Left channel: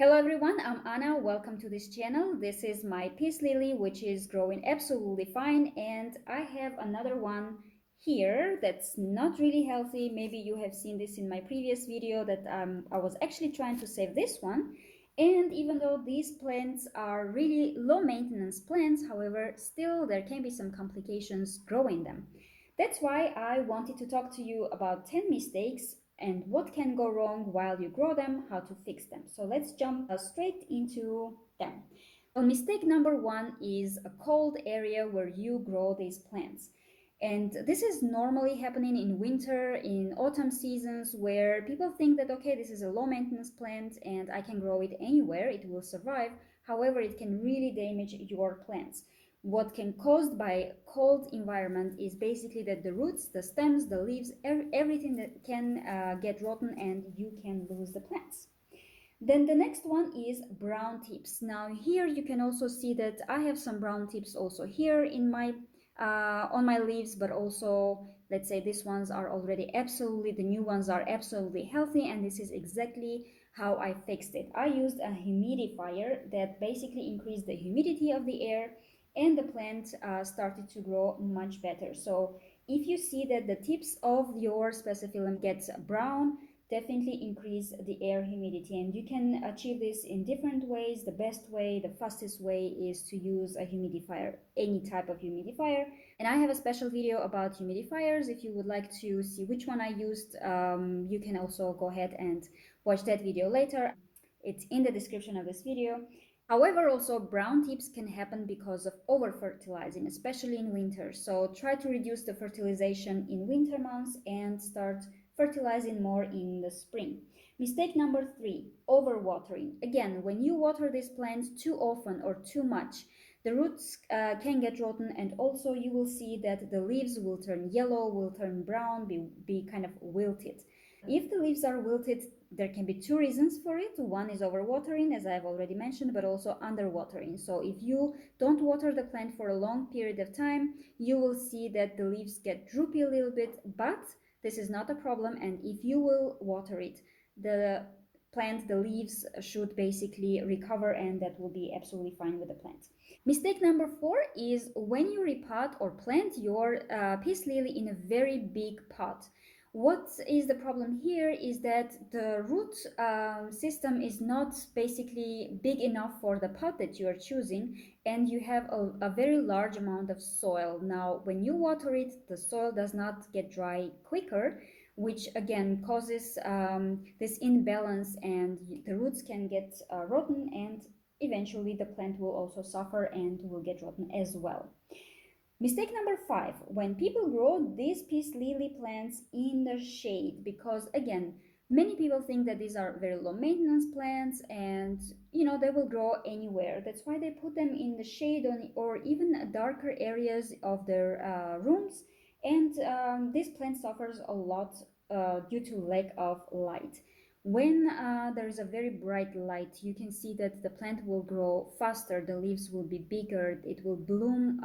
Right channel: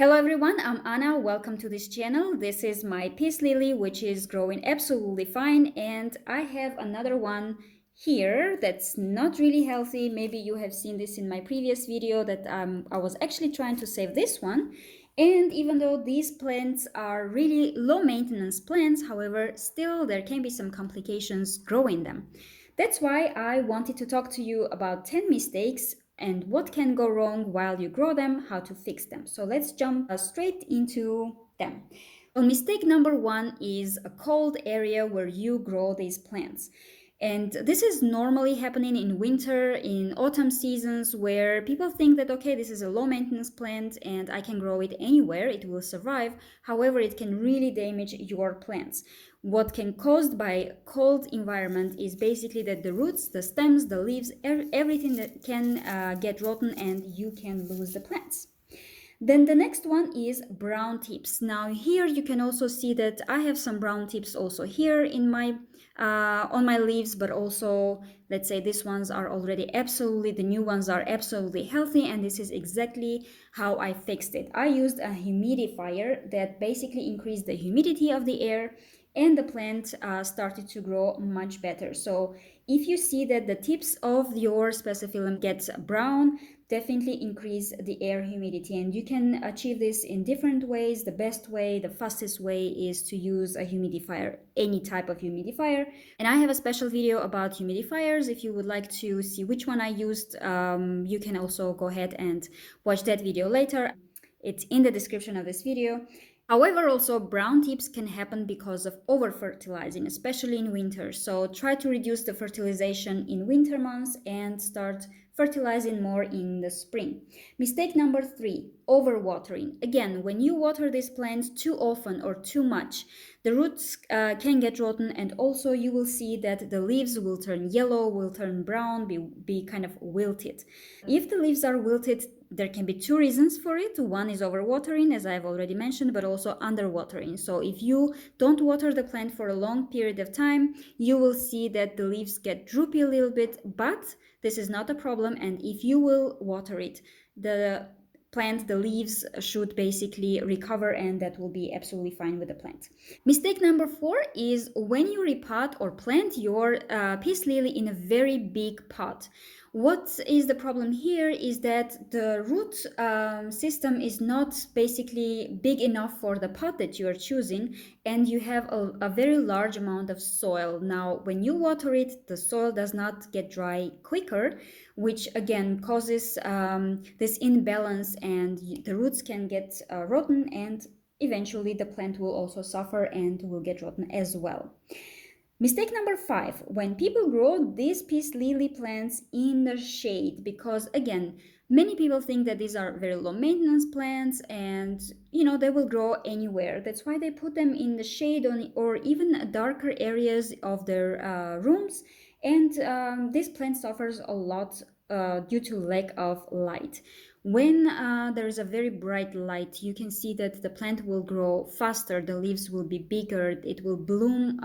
Hello everyone, I'm Anna. Welcome to this channel. This is my peace lily, which is growing absolutely fine, and I have another one here that's not really healthy. Maybe you have seen this in my previous video that I was actually trying to save this one. And even though these plants are really low maintenance plants, however, still there can be some complications growing them. That's why I wanted to talk to you about 10 mistakes and what can go wrong while you grow them, how to fix them. So let's jump straight into them. Well, mistake number one is a cold area where you grow these plants. And this is normally happening in winter, in autumn seasons, where people think that, okay, this is a low maintenance plant and I can grow it anywhere, it will survive. However, it can really damage your plants. What can caused by cold environment is basically that the roots, the stems, the leaves, everything that can get rotten and you can lose the plants. Then the next one is brown tips. Now here you can also see that I have some brown tips also here in my on my leaves, but also let's say these ones are already absolutely, the new ones are absolutely healthy, and this is exactly how I fixed it. I used a humidifier that basically increased the humidity of the air, and the plant started to grow much better. So if you see that the tips of your spathiphyllum gets brown, definitely increase the air humidity, and you can achieve this in different ways. The best way, the fastest way is to use a humidifier, any type of humidifier. And I have a special video about humidifiers. If you would like to see which one I used, you can also go ahead and watch that video later. It's in the description of this video. However, also brown tips can happen because of over fertilizing, especially in winter. So try to reduce the fertilization in winter months and start fertilizing more in the spring. Mistake number three, overwatering. Again, when you water these plants too often or too much, the roots can get rotten, and also you will see that the leaves will turn yellow, will turn brown, be kind of wilted. If the leaves are wilted, there can be two reasons for it. One is overwatering, as I've already mentioned, but also underwatering. So if you don't water the plant for a long period of time, you will see that the leaves get droopy a little bit, but this is not a problem. And if you will water it, the plant, the leaves should basically recover, and that will be absolutely fine with the plant. Mistake number four is when you repot or plant your peace lily in a very big pot. What is the problem here is that the root system is not basically big enough for the pot that you are choosing, and you have a very large amount of soil. Now, when you water it, the soil does not get dry quicker, which again causes this imbalance, and the roots can get rotten, and eventually the plant will also suffer and will get rotten as well. Mistake number five, when people grow these peace lily plants in the shade, because again, many people think that these are very low maintenance plants and they will grow anywhere. That's why they put them in the shade or even darker areas of their rooms, and this plant suffers a lot due to lack of light. When there is a very bright light, you can see that the plant will grow faster, the leaves will be bigger, it will bloom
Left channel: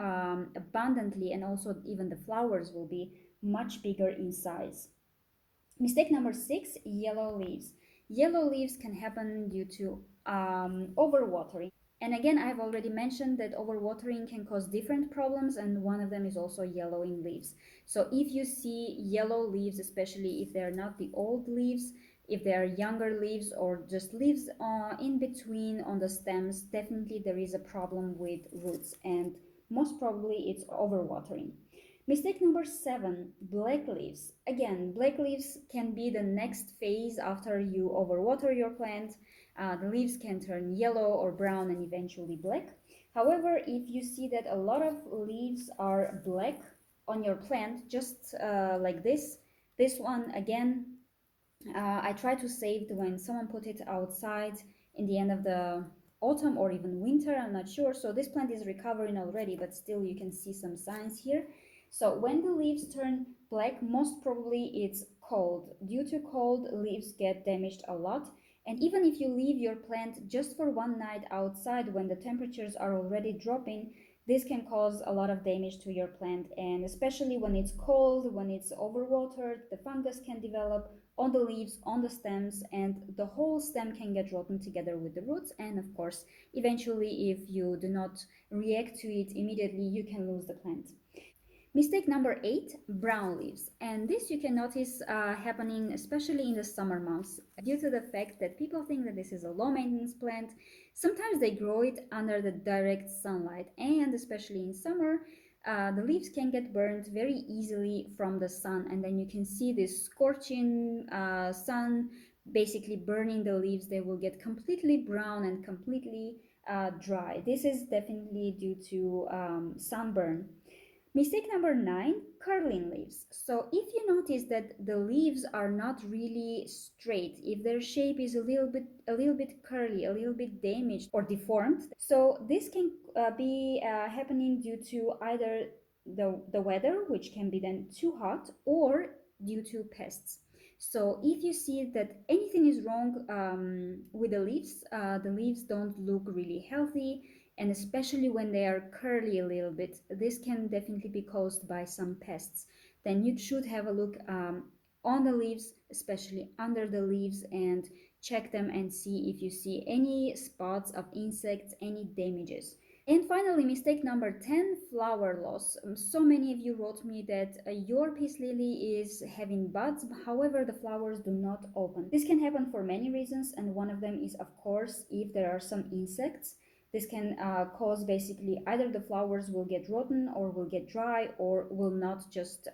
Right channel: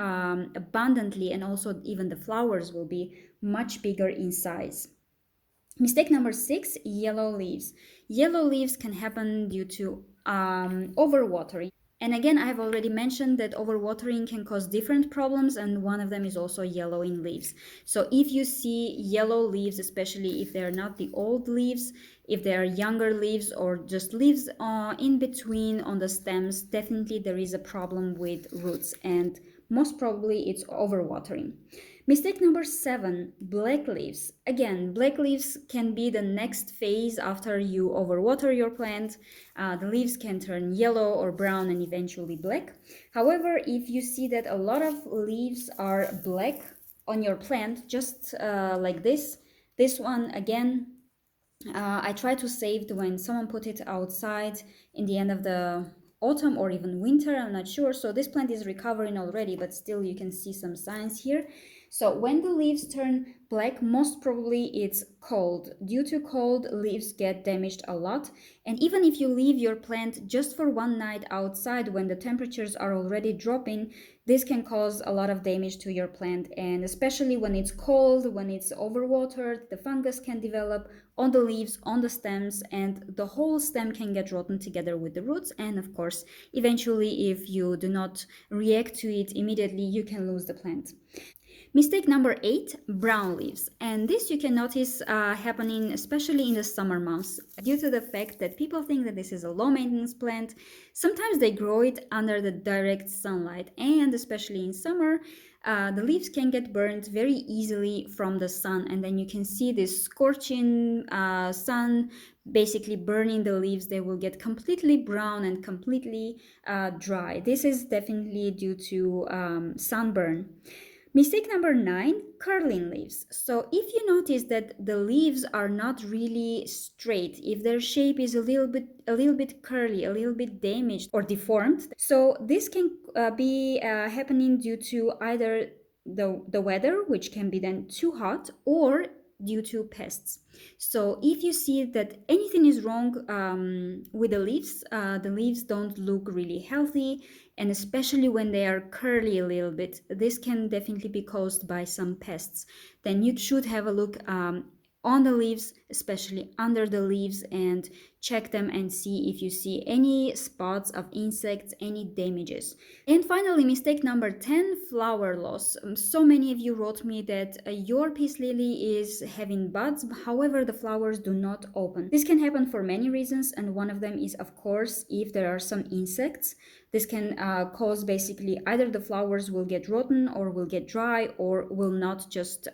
abundantly, and also even the flowers will be much bigger in size. Mistake number six, yellow leaves. Yellow leaves can happen due to overwatering. And again, I have already mentioned that overwatering can cause different problems, and one of them is also yellowing leaves. So if you see yellow leaves, especially if they are not the old leaves, if they are younger leaves or just leaves in between on the stems, definitely there is a problem with roots, and most probably it's overwatering. Mistake number seven, black leaves. Again, black leaves can be the next phase after you overwater your plant. The leaves can turn yellow or brown and eventually black. However, if you see that a lot of leaves are black on your plant, just like this one again, I try to save it when someone put it outside in the end of the autumn or even winter, I'm not sure. So this plant is recovering already, but still you can see some signs here. So when the leaves turn black, most probably it's cold. Due to cold, leaves get damaged a lot. And even if you leave your plant just for one night outside when the temperatures are already dropping, this can cause a lot of damage to your plant. And especially when it's cold, when it's overwatered, the fungus can develop, on the leaves, on the stems, and the whole stem can get rotten together with the roots. And of course, eventually, if you do not react to it immediately, you can lose the plant. Mistake number 8, brown leaves. And this you can notice happening especially in the summer months due to the fact that people think that this is a low maintenance plant. Sometimes they grow it under the direct sunlight, and especially in summer, the leaves can get burned very easily from the sun, and then you can see this scorching sun basically burning the leaves. They will get completely brown and completely dry. This is definitely due to sunburn. Mistake number 9, curling leaves. So if you notice that the leaves are not really straight, if their shape is a little bit curly, a little bit damaged or deformed, so this can be happening due to either the weather, which can be then too hot, or due to pests. So if you see that anything is wrong with the leaves don't look really healthy, and especially when they are curly a little bit, this can definitely be caused by some pests. Then you should have a look on the leaves, especially under the leaves, and check them and see if you see any spots of insects, any damages. And finally, mistake number 10, flower loss. So many of you wrote me that your peace lily is having buds, however, the flowers do not open. This can happen for many reasons, and one of them is, of course, if there are some insects. This can cause basically either the flowers will get rotten or will get dry or will not just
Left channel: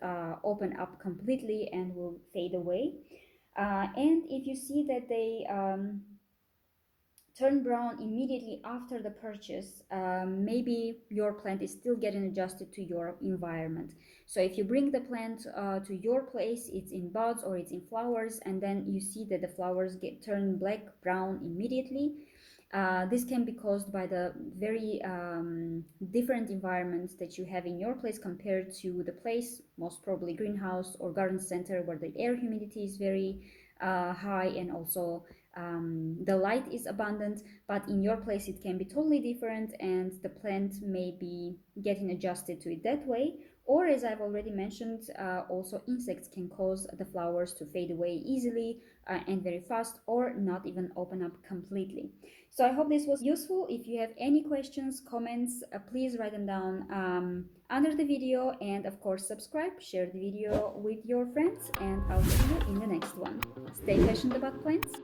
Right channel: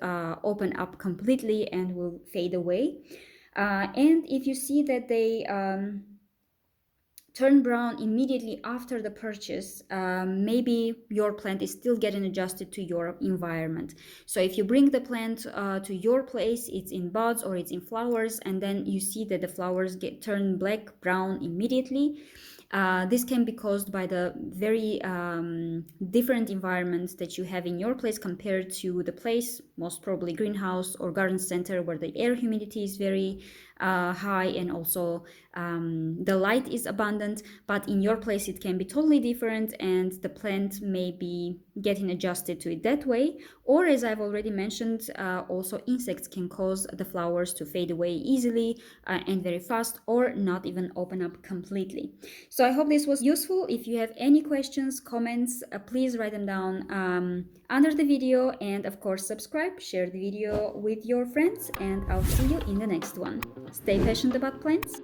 open up completely and will fade away. And if you see that they turn brown immediately after the purchase, maybe your plant is still getting adjusted to your environment. So if you bring the plant to your place, it's in buds or it's in flowers, and then you see that the flowers get turned black, brown immediately. This can be caused by the very different environments that you have in your place compared to the place, most probably greenhouse or garden center, where the air humidity is very high, and also the light is abundant. But in your place it can be totally different, and the plant may be getting adjusted to it that way. Or, as I've already mentioned, also insects can cause the flowers to fade away easily and very fast, or not even open up completely. So I hope this was useful. If you have any questions, comments, please write them down under the video, and of course subscribe, share the video with your friends, and I'll see you in the next one. Stay passionate about plants.